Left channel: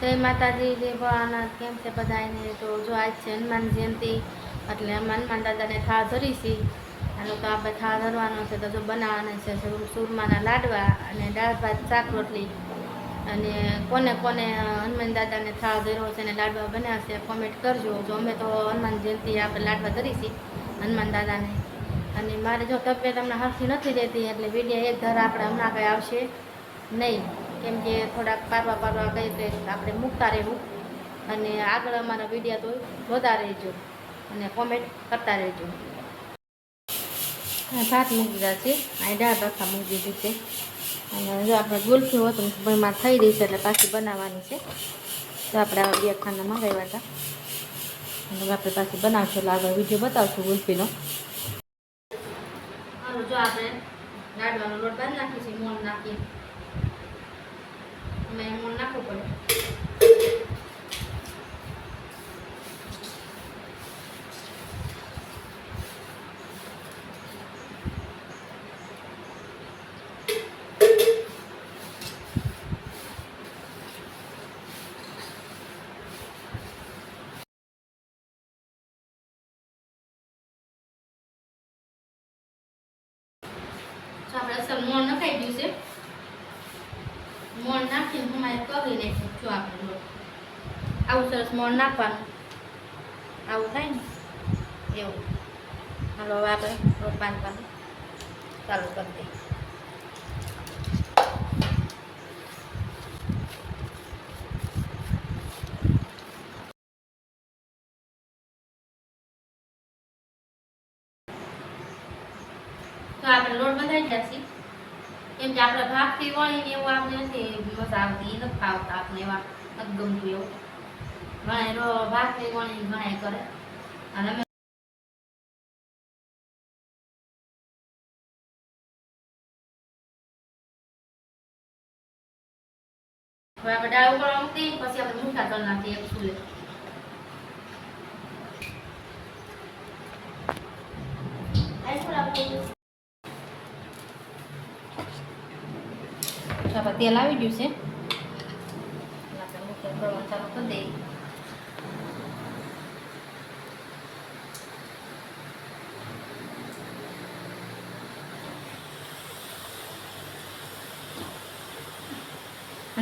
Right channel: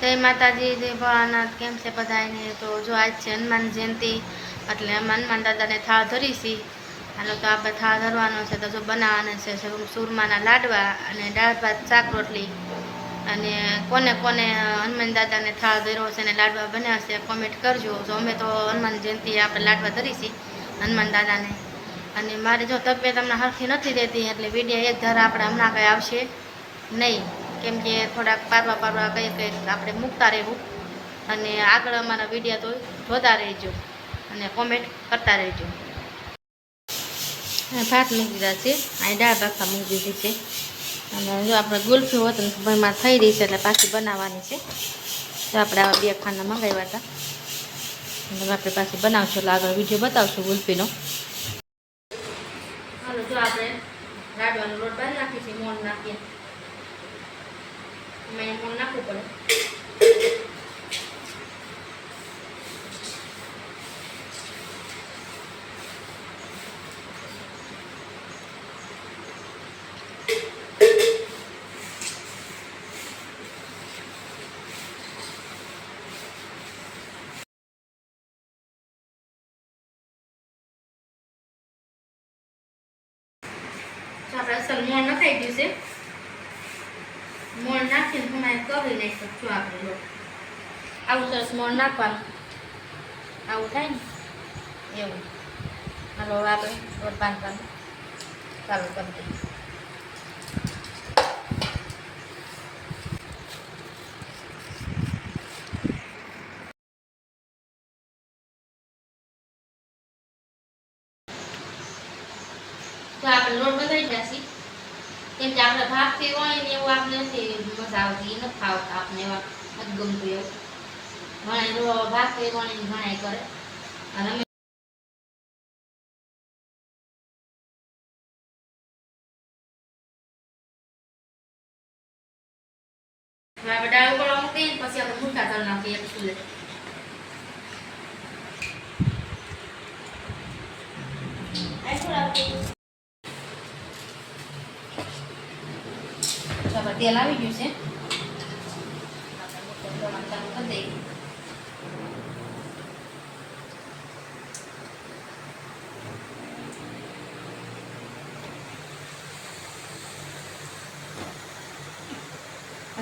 જય માતાજી જય ભોળાનાથ કેમ છે બધાને તો જો આજ છે હનુમાન જયંતિ, એટલે હનુમાન દાદાને થાળ ધરીશી આનો તો આપણે થાળ ધરવાનો છે, તો જો બનાવવાના છે સુરમાના લાડવા અને દાળ, ભાત, શાક, રોટલી. અને કોને કોને હનુમાન દાદાને થાળ ધર્યો છે અને લાડવા બનાવશે કોમેન્ટ કરજો. જો અમે તો હનુમાન જયંતિ આપણે લાડવા ધરીશી હનુમાન દાદાને. અને મારે જો તબિયત હમણાં હરખી નથી રહેતી, એટલે વીડિયો એક ધારા આપણે હમણાં કંઈ આવશે નહીં. કેમ કે થોડાક પારવા પારવા કંઈ કંઈક આપણે મૂકતા રહેવું. અને આગળ અમારા વિડીયા તો જોતા રહેજો અને કોમેન્ટ કરતા રહેજો. ભાત મૂકી દીધા છે. અહીં દાળ ભાખા મૂકી દીધી છે. અને જો આપણે ગુલ્ફી હોત ભરમાં થઈ રહી છે એટલે પાછી બનાવવાની છે. તો આપણે આવા બે ખાના મંગાવ્યા હતા. અને આપણે પાછી બનાવશું એટલે આગળ વીડિયો બતાવશું ગુલ્ફીનો. જો આપણે રાડવાનો લોટ બાંધી નાખીએ છીએ મોન નાખીએ. મેં મોણ નાખવું પડે આપણે નખાઈ ગયું છે મોણ નાખીને હમણાં કરી નાખ્યું જો આપણે લોટ આવું સરસ નાખવાનું. આવું થાય ને? એવું. હાલો, હવે આપણે બાંધવાનું ચાલુ કરી દઈએ. તો આપણે લોટ બંધાઈ જશે. કેમ કે આપણે ભાગથી હોય ને એવું આપણે નથી મજા આવતી, નથી ખાવતા આપણે એવા નથી ગમતું એવું. ઘણા રો ભાગથી વણી ઘણા કરે. અને હવે આપણે મૂકી પછી આપણે મૂઠા કરી નાખીએ એક ચૂલે. તેલ આવી ગયું છે. ચાલુ કરી દઈએ.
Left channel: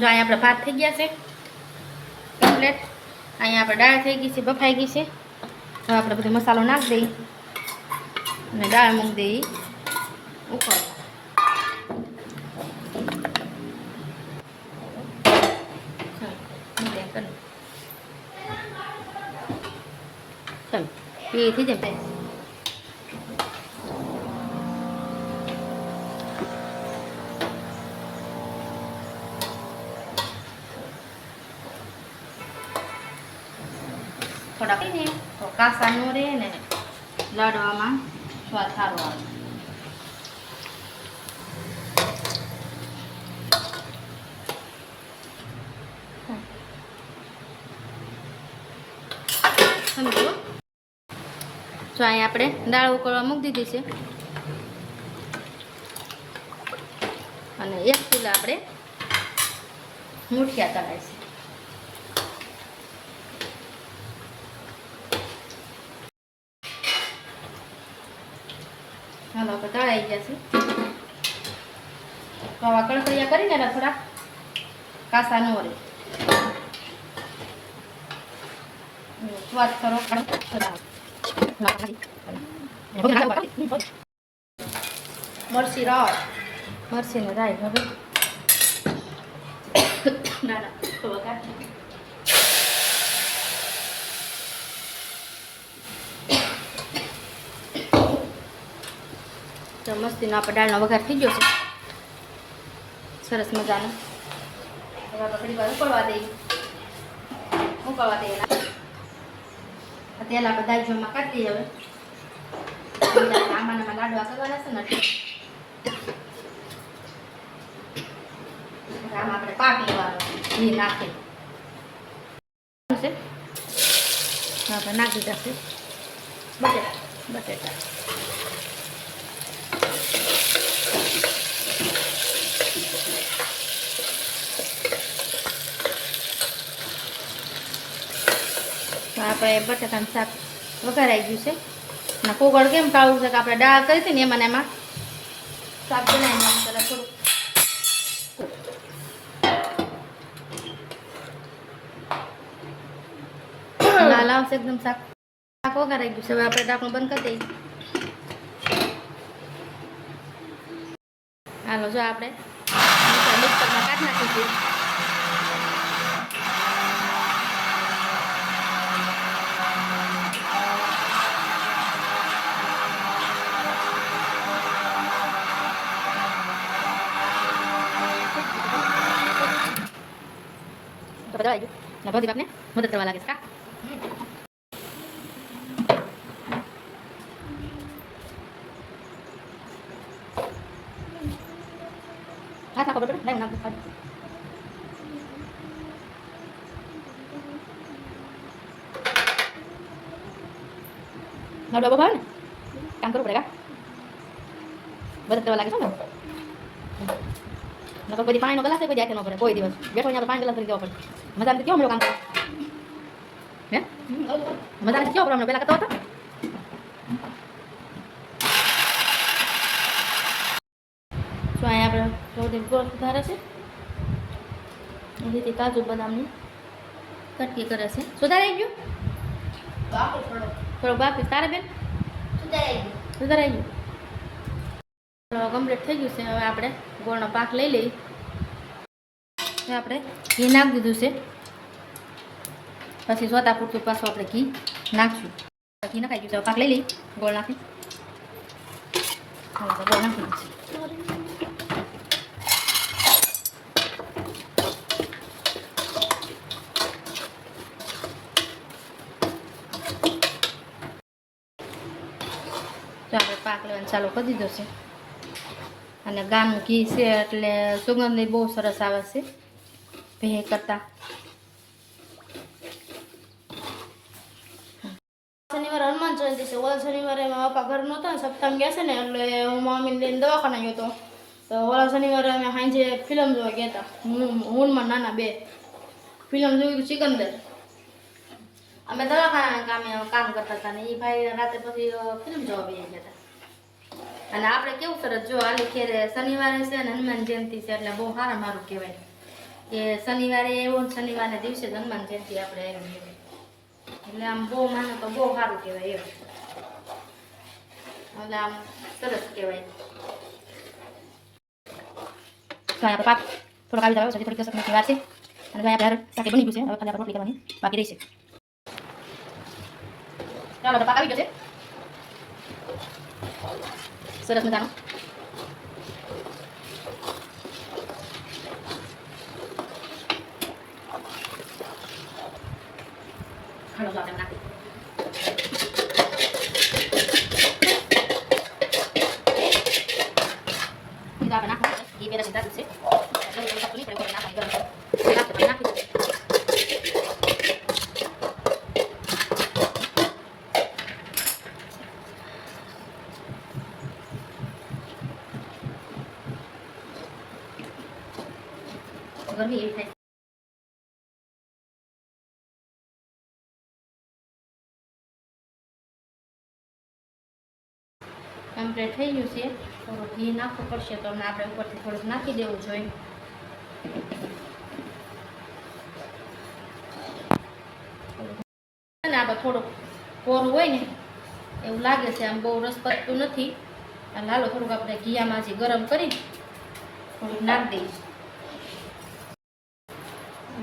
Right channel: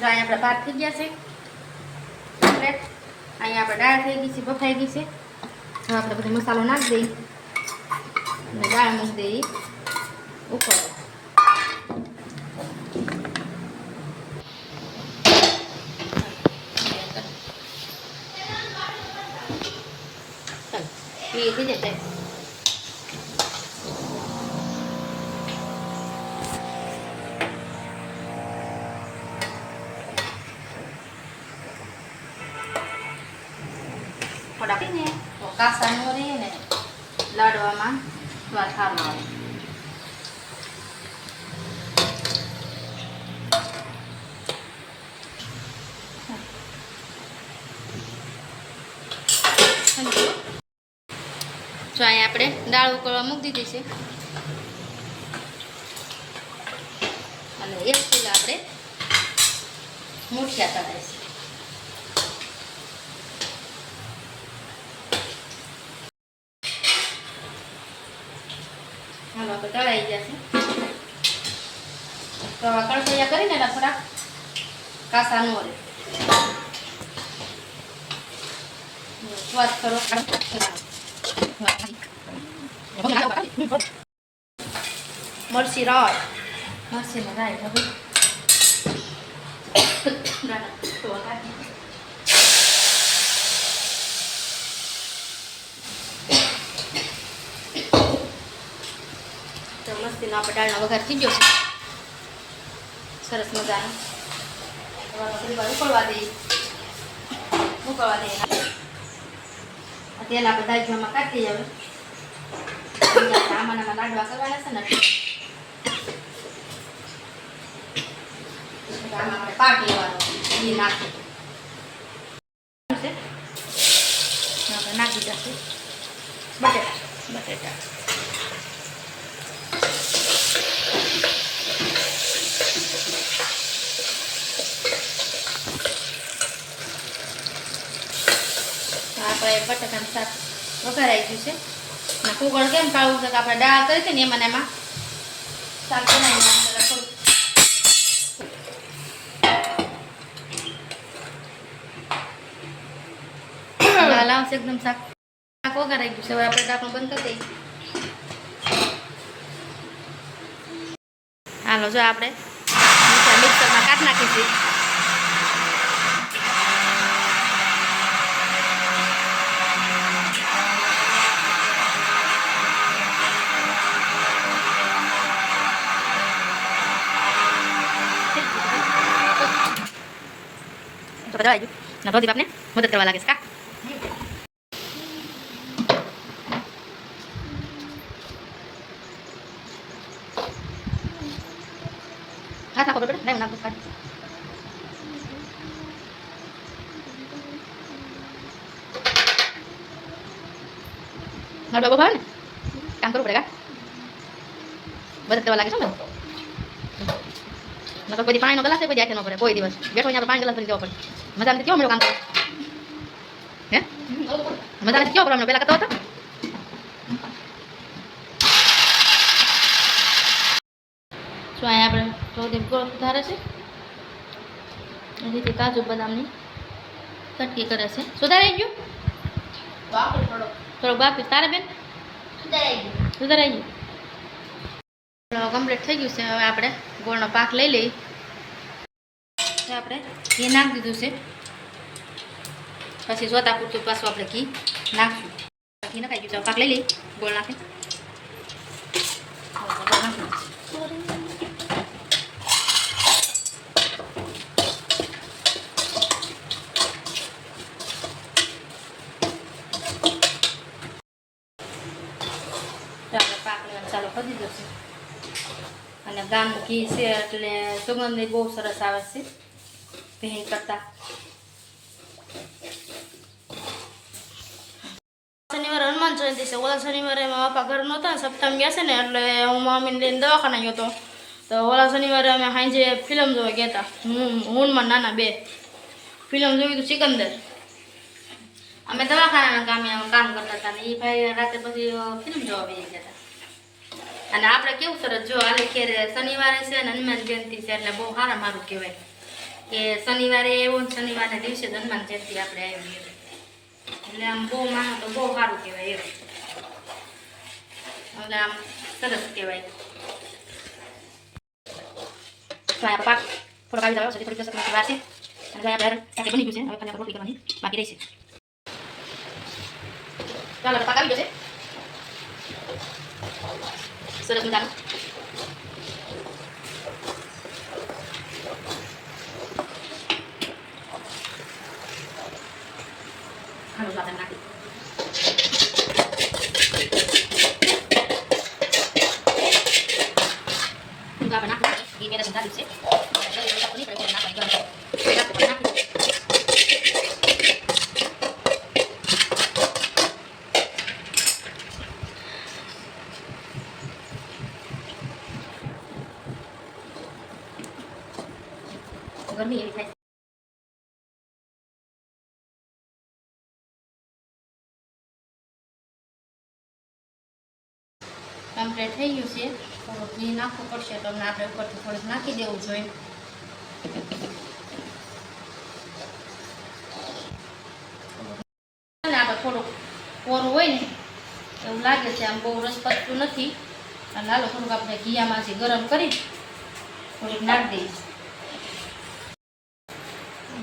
જો અહીંયા આપણે ભાત થઈ ગયા છે. કમ્પ્લેટ અહીંયા આપણે દાળ થઈ ગઈ છે, બફાઈ ગઈ છે. હવે આપણે બધો મસાલો નાખી દઈએ. અને દાળ મૂકી દઈએ ઉપર. થઈ જશે સ્વાદ સારો જો અહીંયા આપણે દાળ ઉકળવા મૂકી દીધી છે. અને એક કિલો આપણે મૂઠિયા તળાય છે આપણે તળાઈ જશે તો કણકૈયા કરીને એટલે થોડા કાસા નો રહે સ્વાદ કરો. મરસી રાય. મરસી ને રાય. હવે તો મસ્તીનો આપણે દાળનો વઘાર થઈ ગયો છે. સરસ હવે થોડી ઉકળવા દઈએ. ઉકળવા કાઢી હવે. આમાં લાડવા કરવાના છે ને. આમાં આપણે પાક લેવાનો ઘી નાખી નાખી જશે બટેટા. બટેટા. આપણે બટાકાનું શાક વઘારાઈ ગયું છે. અને કોગળ કેમ કાળું છે કે આપણે દાળ કરી હતી ને એમાં એમાં શાક બનાવીને એકદમ શાક. શાક વઘારાઈ ગયું છે. હવે આપણે ઢાંકણું બંધ કરી દઈએ. હાલો, જો આપણે મિક્સર મિક્સરમાં કાઢ નાખીશું. બધા આવી ગયું ના પ્રદીપ આપને મદદ કરવા લાગે છે કા હાથ નાખો બેટા લાઈવ નાખો કાઢ મારો બાબો ભાવે ને કામ કરવું પડે કા મદદ કરવા લાગે છે ને નકર કોઈ પાણીનો ગ્લાસ કોઈ હાથે ન પડે કોઈ દિવસ. બેઠો અહીંયા તો પાણી ગ્લાસ ભરી દેવો પડે. મજા નથી કેવો મેળો કામ કરે? હે? મજા નથી કેવો પ્રોબ્લેમ પેલા કરતો હતો? શું અહીંયા આપણે ગોળ સુધારે છે? એ રીતે કાજુ બદામની કટકી કરે છે. સુધારાઈ ગયું? થોડોક. બાકી તારે બેન? સુધારાઈ ગયું. કમ્પ્લીટ થઈ ગયું છે હવે આપણે. ગોળનો પાક લઈ લઈ. આપણે ઘી નાખી દીધું છે. પછી સોતા પૂરતું પાછું આપણે ઘી નાખશું. ઘી નખાઈ ગયું પાક લઈ લઈ. ગોળ નાખી ચાલુ કરી દીધો છે. અને ગામનું ઘી છે એટલે સુગંધ બહુ સરસ આવે છે. ભે કરતા. શનિવારે હનુમાન જયંતિ છે. ઓલા શનિવારે મારા પપ્પા ઘર નહોતા સપ્તાહ ગયા છે ને, એટલે હું મમ્મીને લઈને દવાખાના ગયો હતો. તો ઓલા શનિવારે અમે સાંજે ફિલ્મ જોવા ગયા હતા. હું હુનમાં નાના બે. ફિલ્મ જોયું હતું સિકંદર. અમે દવાખાનાના કામે કામ કરતા હતા ને એ ભાઈ રાતે પછી ફિલ્મ જોવા બેસી ગયા હતા. અને આપણે કેવું સરસ, જો આલે ખેરે શનિવારે છે અને હનુમાન જયંતિ છે, એટલે બહુ સારા મારું કહેવાય. કે શનિવારે એવો ને દિવસે જ હનુમાન જયંતિ આપણે આવી એટલે આમ બહુ માનો તો બહુ સારું કહેવાય એવું એટલે આમ સરસ કહેવાય. રોટલી કરવાની બાકી રહી છે. ચાલો પાક આવી ગયો છે. સરસ મજાનો હાલો જો આપણે નાખી તો આપણે નાખવાનું છે. ઘી પહેલા સુધાર્યું છે. એટલે એ નાખી દીધું, પછી નાખવાની જરૂર છે. નાખી દીધું. ગરમી એવી થાય કમ્પ્લીટ થઈ ગયું છે થોડુંક ઘી નાખવું પડશે, તો અમને આપણે ઉપરથી થોડુંક નાખી દેવું જોઈએ. આપણે થોડુંક કોરું હોય ને, એવું લાગે છે, આમ બહુ રસ પડતું નથી. અને હાલો, થોડુંક આપણે ઘીયામાંથી ગરમ કરી થોડીક નાખી દઈએ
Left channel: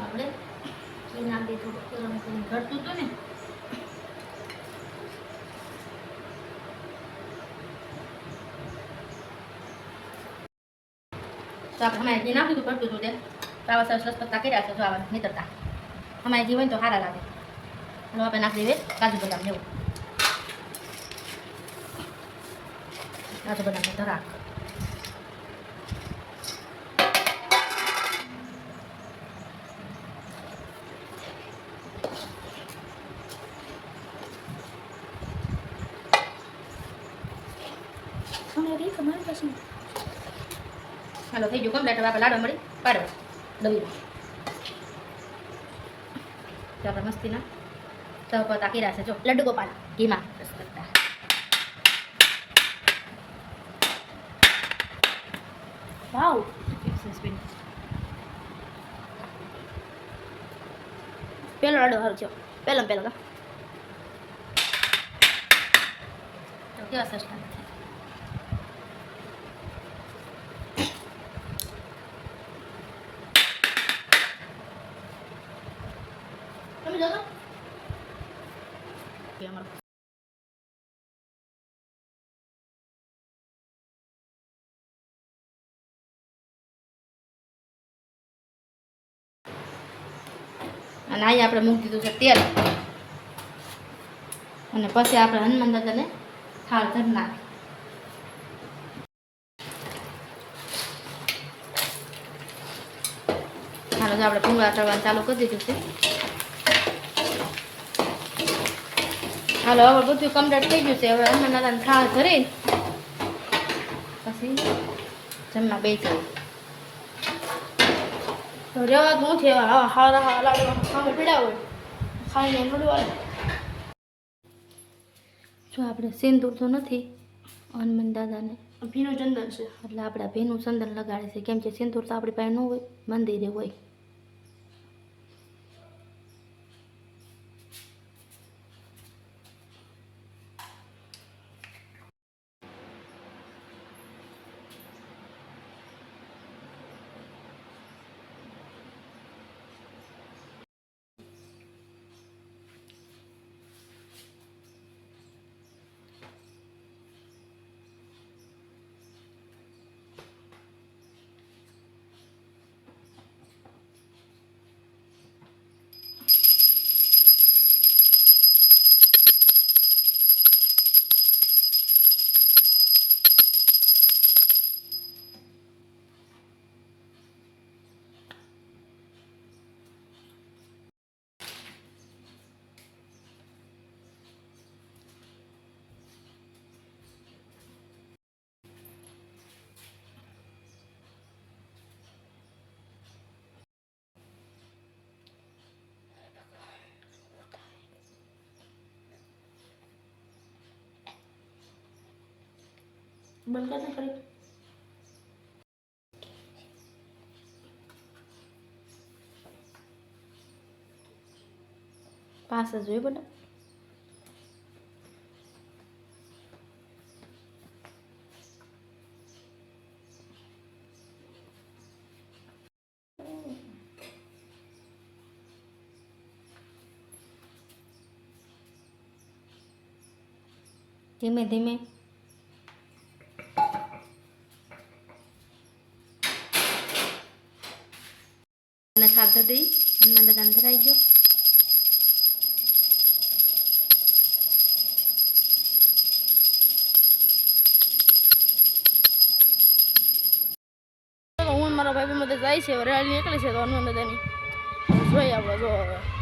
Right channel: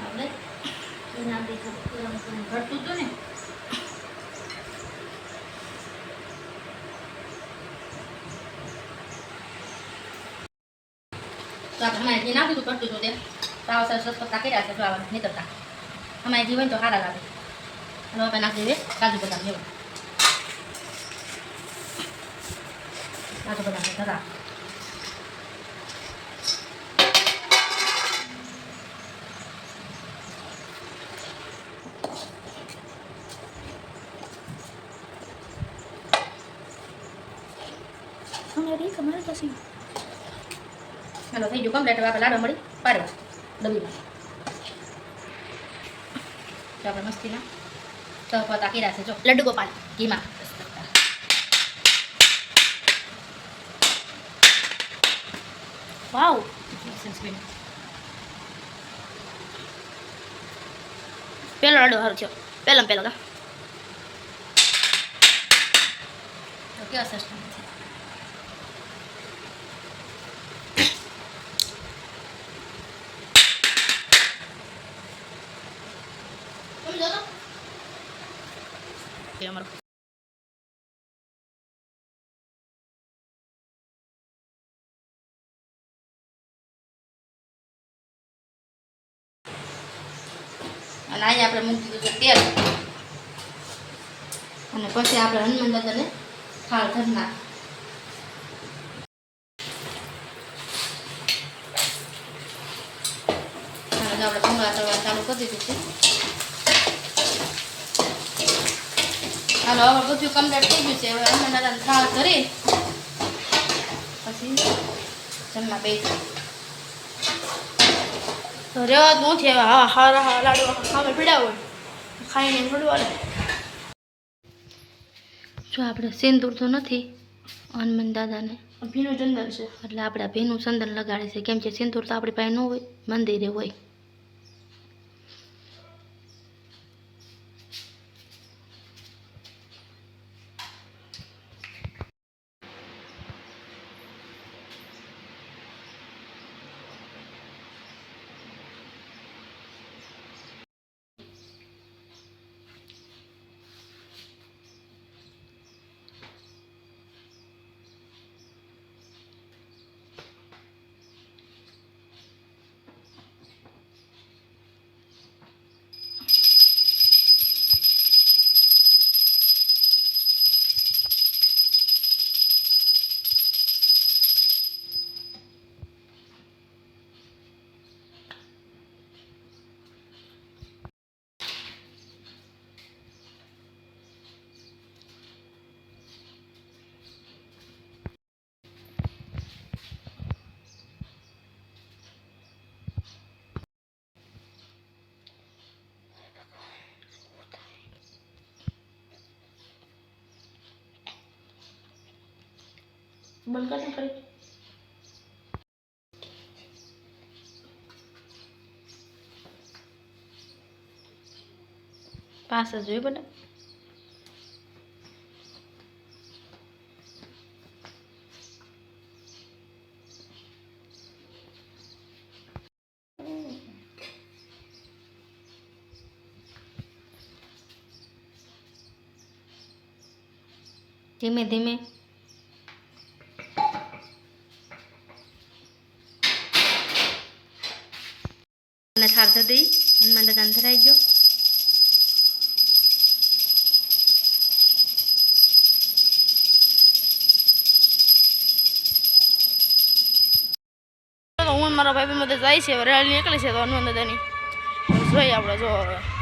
આપણે નાખી દઈશું ઘટતું હતું ને તો આપણે અમારે જે હતું કરતું હતું તે. તાવા સરસ રસ પત્તા કર્યા છે ફ્લાવર નીતરતા અમારે ઘી હોય તો સારા લાગે. અને આપણે નાખી દઈએ કાજુ બદામ જેવું કાજુ બદામ ધરા. અમારી તમારી પાસે હાલો, થઈ ગયું કમ્પ્લેટ. હવે લાડવા મળી. પાડવા. તો આપણે મસ્તીના તપતા કીરા છે. જો, લડ્ડુ ગોપાલ, ઘીમાં. વાવ. પેલો લડો સારું થયો. પહેલો પહેલો કા કેવા સરસ લાગે છે. તમે જો તો. એ અમારો અને અહીંયા આપણે મૂકી દીધું છે તેલ. અને પછી આપણે હનુમાન દાદાને હાલો તો આપણે ભૂંગળા તળવા ચાલુ કરી દીધું છે. હાલો, હવે બધું કમ્પ્લીટ થઈ ગયું છે. હવે હનુમાન દાદાને થાળ ધરી પછી જમવા બેસી. રેવા જ નથી હવે હા હારા હારા લાડવા સામે પીડા હોય. ખાઈને મળવા જો આપણે સિંદૂર તો નથી હનુમાન દાદાને. ભીનું ચંદન છે. એટલે આપણે ભીનું ચંદન લગાડે છે. કેમ કે સિંદૂર તો આપણી પાસે ન હોય મંદિરે હોય. બંધ કરશે કરી પાસ જ જોઈ બધા ધીમે ધીમે ધરી દઈ હનુમાન દાદાને ધરાઈ હું મારા ભાઈ મદદ જાય છે રેલ નીકળી છે તો હનુમાન દાદાની જોઈએ આપણે જો હવે